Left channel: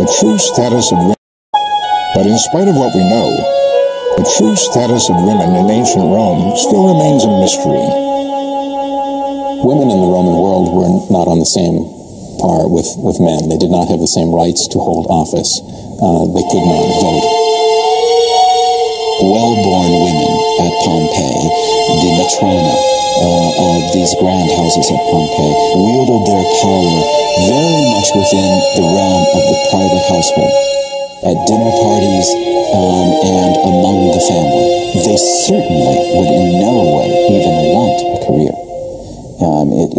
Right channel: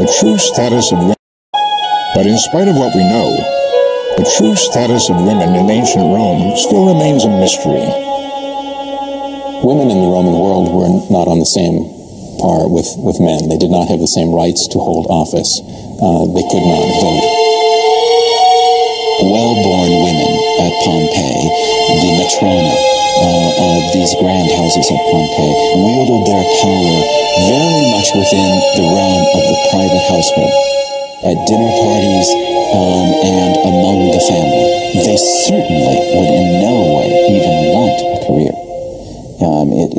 The true status of women. But in spite of what we know, the true status of women in ancient Rome still remains a mystery. Women in the Roman world were not on the same par with men. They did not have the same rights to hold office. They could not vote. Well-born women at Pompeii, the matrona of these grand houses at Pompeii, wielded their power very much within the realm of the private household. At dinner parties and among the family. They certainly would in no way even want a career.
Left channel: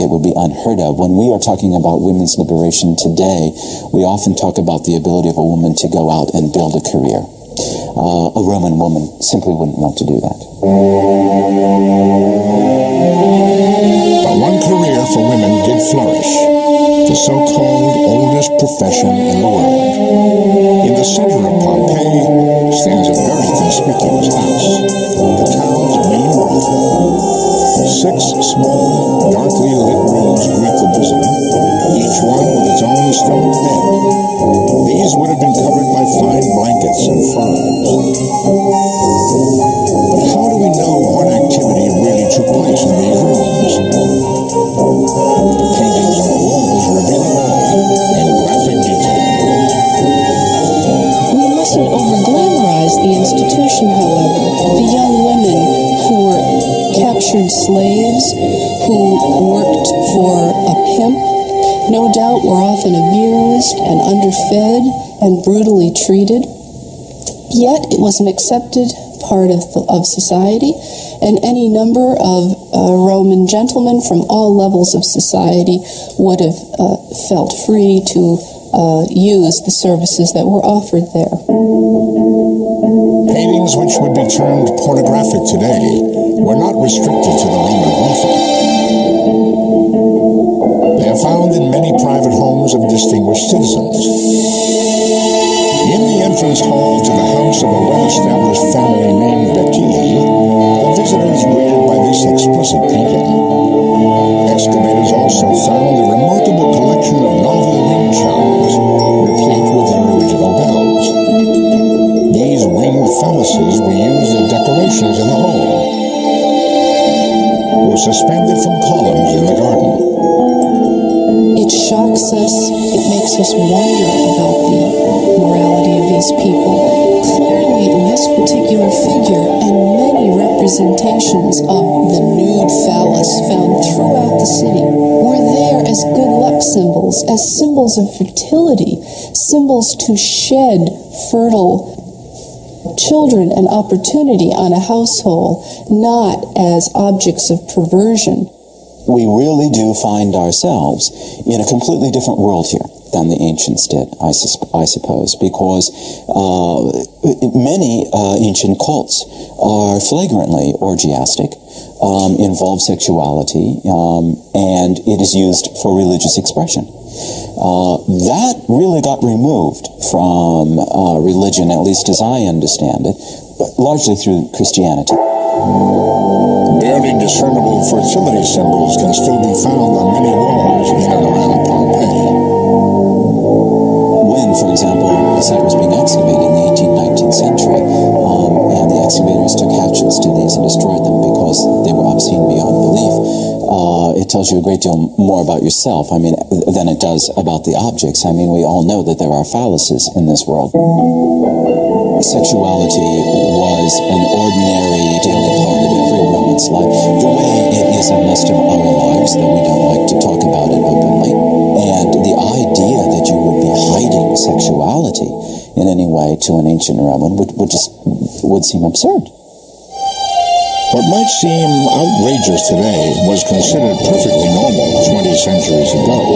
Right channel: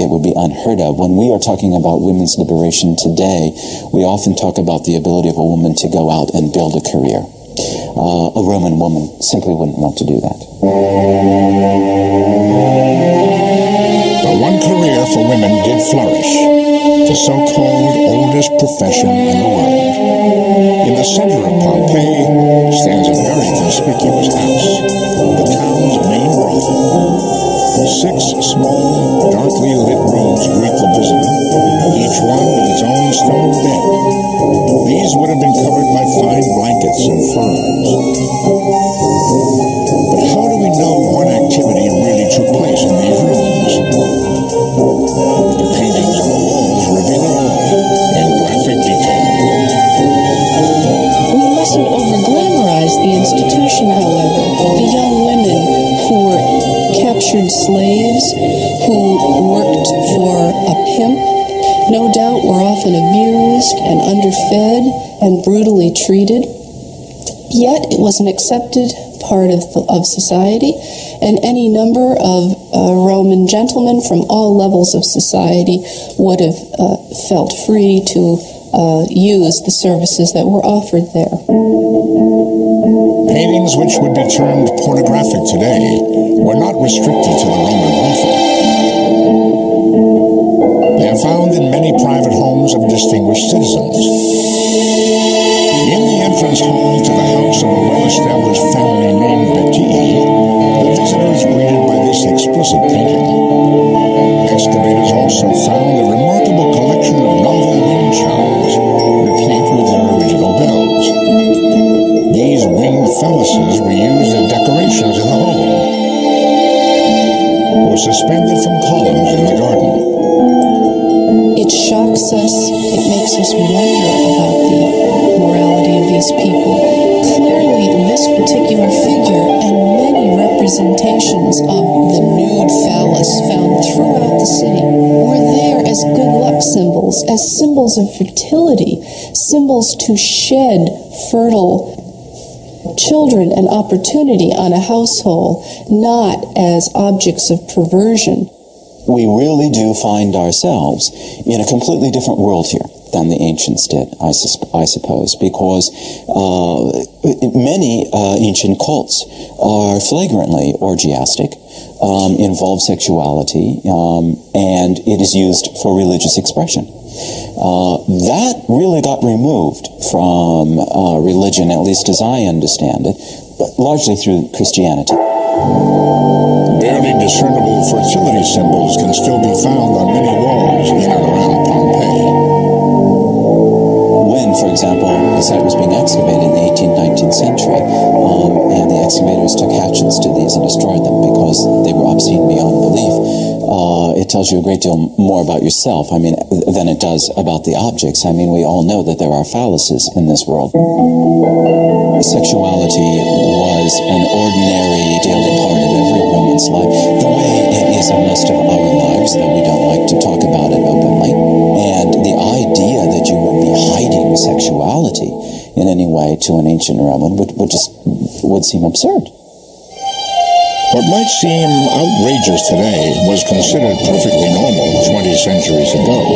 It would be unheard of. When we are talking about women's liberation today, we often talk about the ability of a woman to go out and build a career. A Roman woman simply wouldn't want to do that. But one career for women did flourish, the so-called oldest profession in the world. In the center of Pompeii stands a very conspicuous house, the town's main brothel. 6 small, darkly lit rooms greet the visitor, each one with its own stone bed. These would have been covered by fine blankets and furs. But how do we know what activity really took place in these rooms? The paintings on the walls reveal it all in graphic detail. We mustn't over-glamorize the institution, however. The young women who were captured slaves, who worked for a pimp, no doubt were often abused and underfed and brutally treated. Yet it was an accepted part of society, and any number of Roman gentlemen from all levels of society would have felt free to use the services that were offered there. Paintings which would be termed pornographic today were not restricted to the Roman brothel. They are found in many private homes of distinguished citizens. In the entrance hall to the house of a well-established family named Betti, the visitor is greeted by this explicit painting. Excavators also found a remarkable collection of novel wind chimes, replete with their original bells. These winged phalluses were used as decorations in the home, or suspended from columns in the garden. It shocks us, it makes us wonder about the morality of these people. Clearly, this particular figure and many representations of the nude phallus found throughout the city were there as good luck symbols, as symbols of fertility, symbols to shed fertile children and opportunity on a household, not as objects of perversion. We really do find ourselves in a completely different world here than the ancients did, I suppose, because many ancient cults are flagrantly orgiastic, involve sexuality, and it is used for religious expression. That really got removed from religion, at least as I understand it, but largely through Christianity. Barely discernible fertility symbols can still be found on many walls in and around Pompeii. When, for example, the site was being excavated in the 18th, 19th century, and the excavators took hatchets to these and destroyed them because they were obscene beyond belief, it tells you a great deal more about yourself, than it does about the objects. We all know that there are phalluses in this world. Sexuality was an ordinary daily part of every Roman's life, the way it is of most of our lives, though we don't like to talk about it openly. And the idea that you would be hiding sexuality in any way to an ancient Roman would seem absurd. What might seem outrageous today was considered perfectly normal 20 centuries ago.